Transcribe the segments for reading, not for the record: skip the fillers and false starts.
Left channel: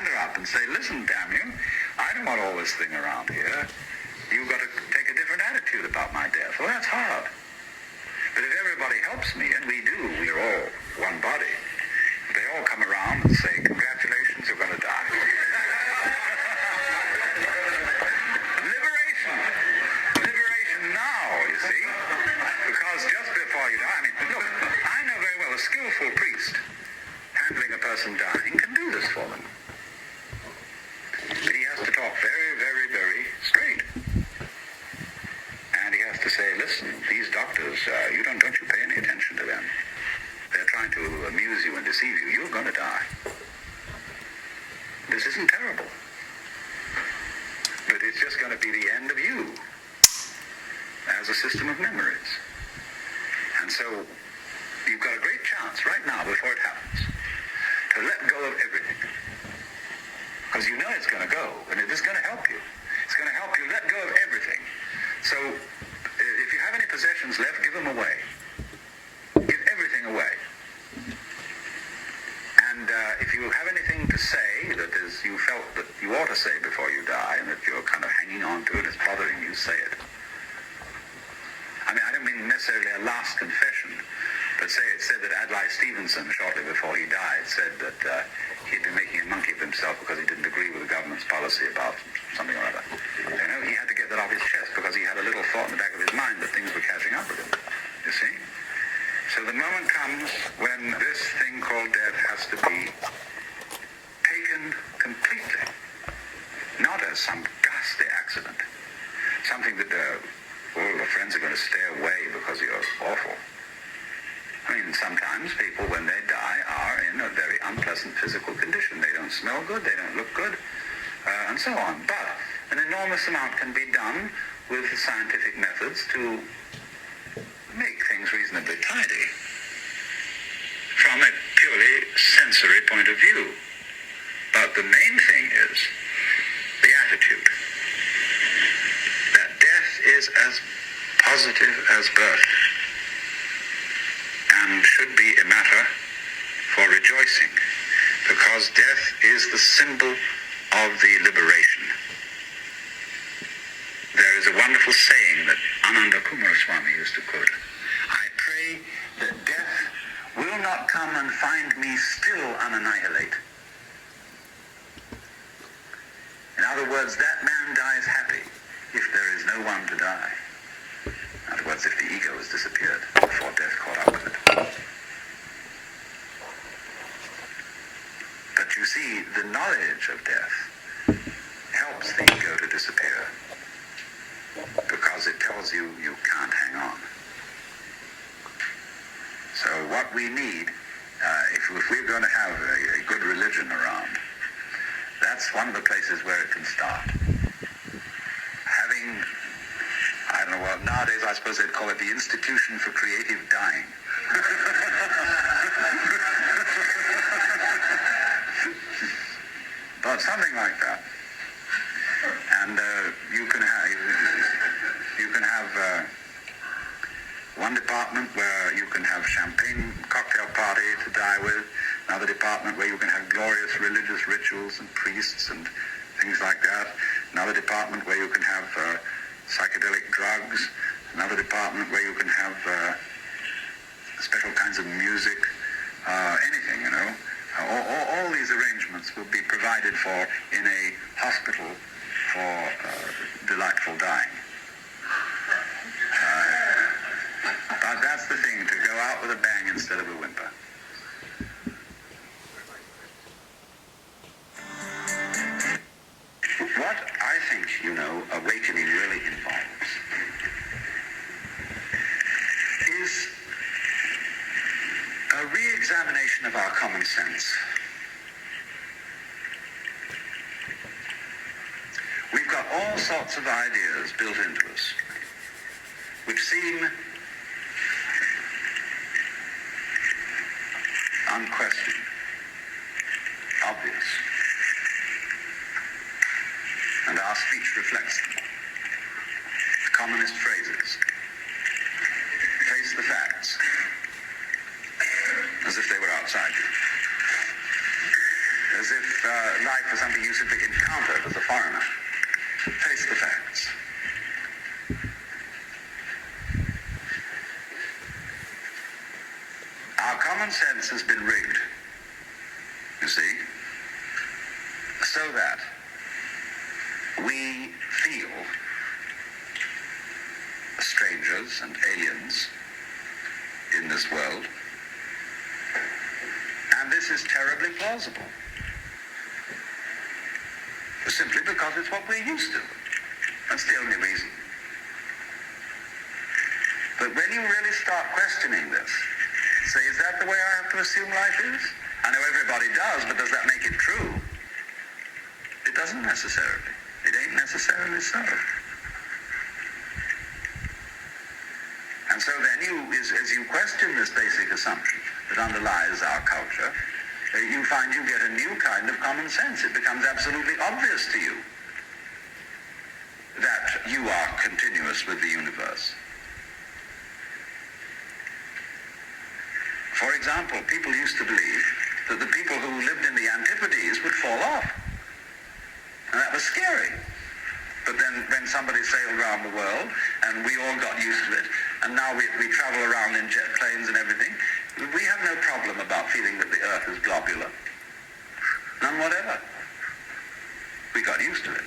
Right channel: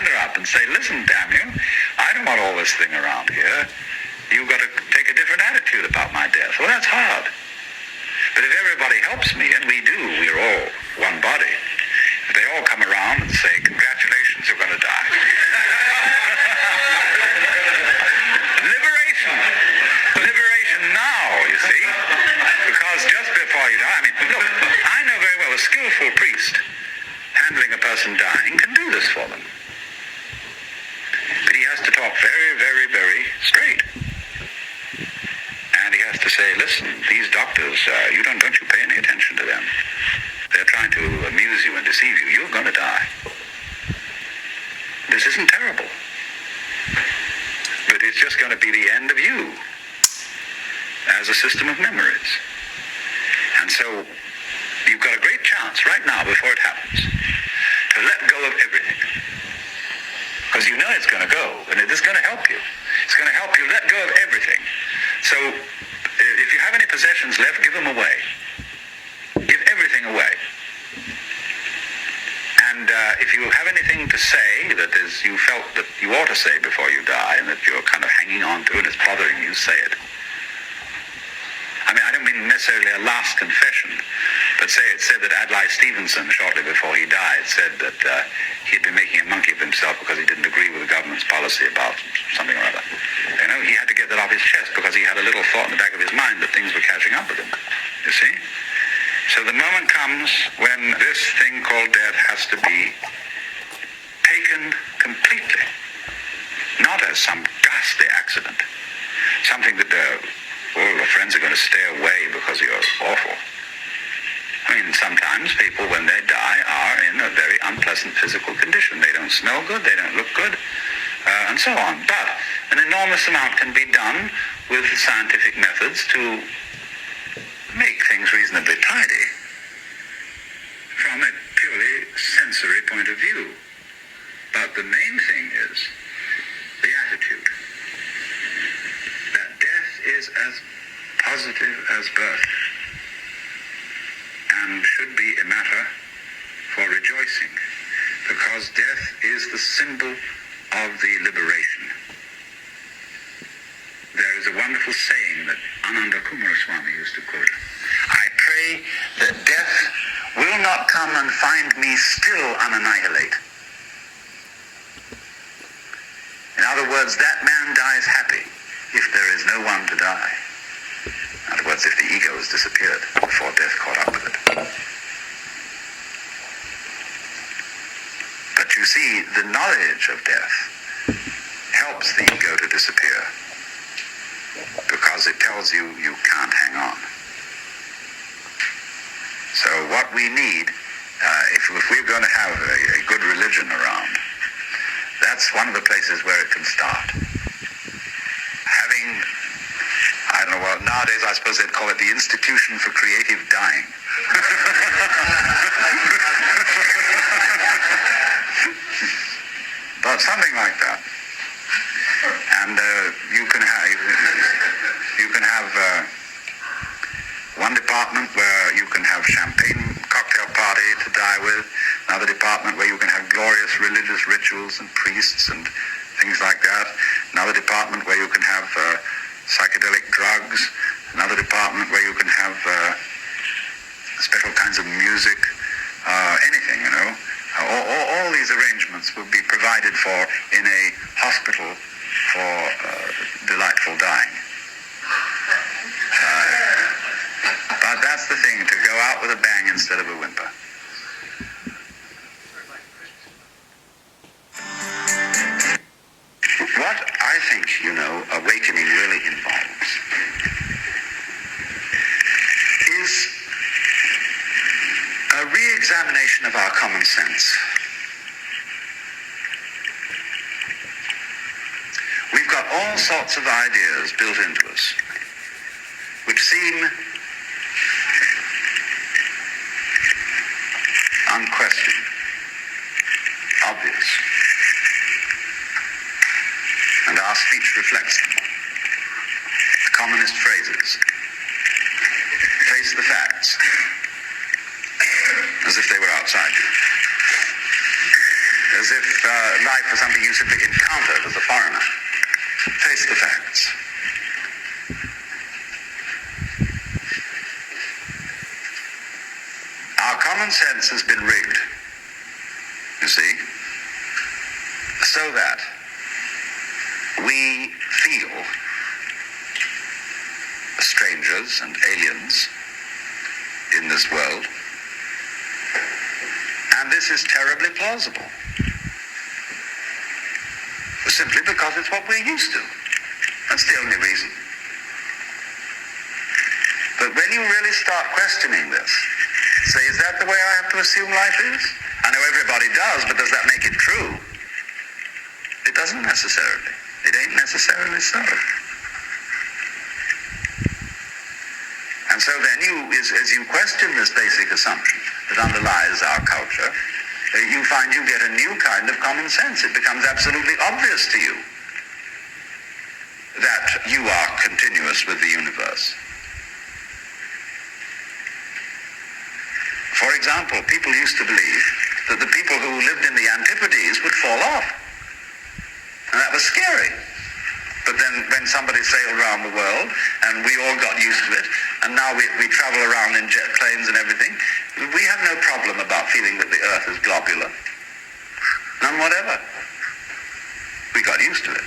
stand her up and say, listen, damn you, I don't want all this thing around here. You've got to take a different attitude about my death. Well, that's hard. But if everybody helps me, and we do, we're all one body, if they all come around and say, congratulations, you're going to die. Liberation now, you see. Because just before you die, I mean, look, I know very well a skillful priest handling a person dying can do this for them. But he has to talk very, very, very straight. And he has to say, listen, these doctors, don't you pay any attention to them. They're trying to amuse you and deceive you. You're going to die. This isn't terrible. But it's just going to be the end of you as a system of memories. And so you've got a great chance right now, before it happens, to let go of everything. Because you know it's going to go, and it is going to help you. It's going to help you let go of everything. So if you have any possessions left, give them away. Give everything away. And if you have anything to say that is you felt that you ought to say before you die, and that you're kind of hanging on to and it's bothering you, say it. I mean, I don't mean necessarily a last confession, but say it said that Adlai Stevenson, shortly before he died, said that he'd been making a monkey of himself because he didn't agree with the government's policy about something or other. You know, he had to get that off his chest because he had a little thought in the back of his mind that things were catching up with him. You see? So the moment comes when this thing called death has to be taken completely, not as some ghastly accident, something that all your friends are going to stay away because you're awful. I mean, sometimes people, when they die, are in a very unpleasant physical condition. They don't smell good, they don't look good, and so on. But an enormous amount can be done with scientific methods to make things reasonably tidy from a purely sensory point of view. But the main thing is the attitude. That death is as positive as birth and should be a matter for rejoicing, because death is the symbol of the liberation. There is a wonderful saying that Ananda Kumaraswamy used to quote. I pray that death will not come and find me still unannihilate. In other words, that man dies happy if there is no one to die. In other words, if the ego has disappeared before death caught up with it. But you see, the knowledge of death helps the ego to disappear, because it tells you you can't hang on. So what we need, if we're going to have a good religion around, that's one of the places where it can start. Having, I don't know, well, nowadays I suppose they'd call it the Institution for Creative Dying. But something like that. And you can have one department where you can have champagne cocktail party to die with, another department where you can have glorious religious rituals and priests and things like that, another department where you can have psychedelic drugs, another department where you can have special kinds of music, anything, you know. All these arrangements will be provided for in a hospital for delightful dying. But that's the thing, to go out with a bang instead of a whimper. What I think, awakening really involves is a re-examination of our common sense. We've got all sorts of ideas built into us which seem unquestioned, obvious, and our speech reflects them. The commonest phrases face the facts as if they were outside you. as if life was something you simply encountered as a foreigner. Face the facts. Our common sense has been rigged, you see, so that we feel strangers and aliens in this world, and this is terribly plausible, simply because it's what we're used to. That's the only reason. But when you really start questioning this, say, is that the way I have to assume life is? I know everybody does, but does that make it true? It doesn't necessarily. It ain't necessarily so. And so then as you question this basic assumption that underlies our culture, you find you get a new kind of common sense. It becomes absolutely obvious to you that you are continuous with the universe. For example, people used to believe that the people who lived in the Antipodes would fall off. And that was scary. But then when somebody sailed around the world, and we all got used to it, and now we travel around in jet planes and everything, we have no problem about feeling that the Earth is globular. None whatever. We got used to it.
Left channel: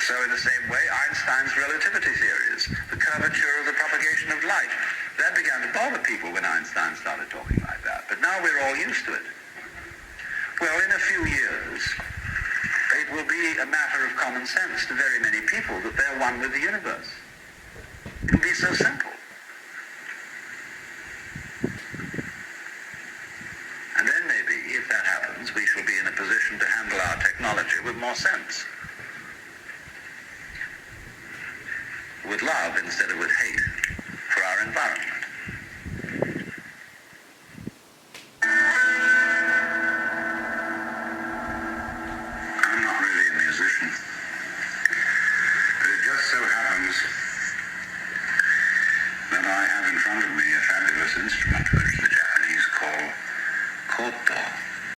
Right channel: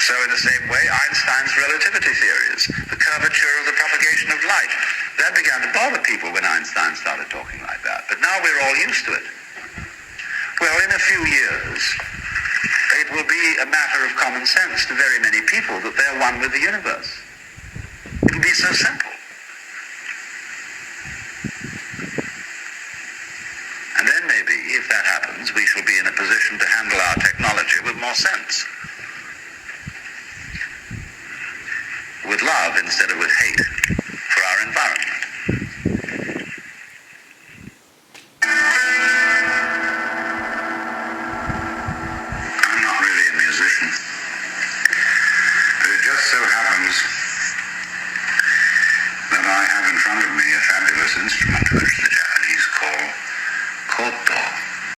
So in the same way, Einstein's relativity theories, the curvature of the propagation of light, that began to bother people when Einstein started talking like that. But now we're all used to it. Well, in a few years, it will be a matter of common sense to very many people that they're one with the universe. It will be so simple. And then maybe, if that happens, we shall be in a position to handle our technology with more sense. With love instead of with hate for our environment. I'm not really a musician, but it just so happens that I have in front of me a fabulous instrument which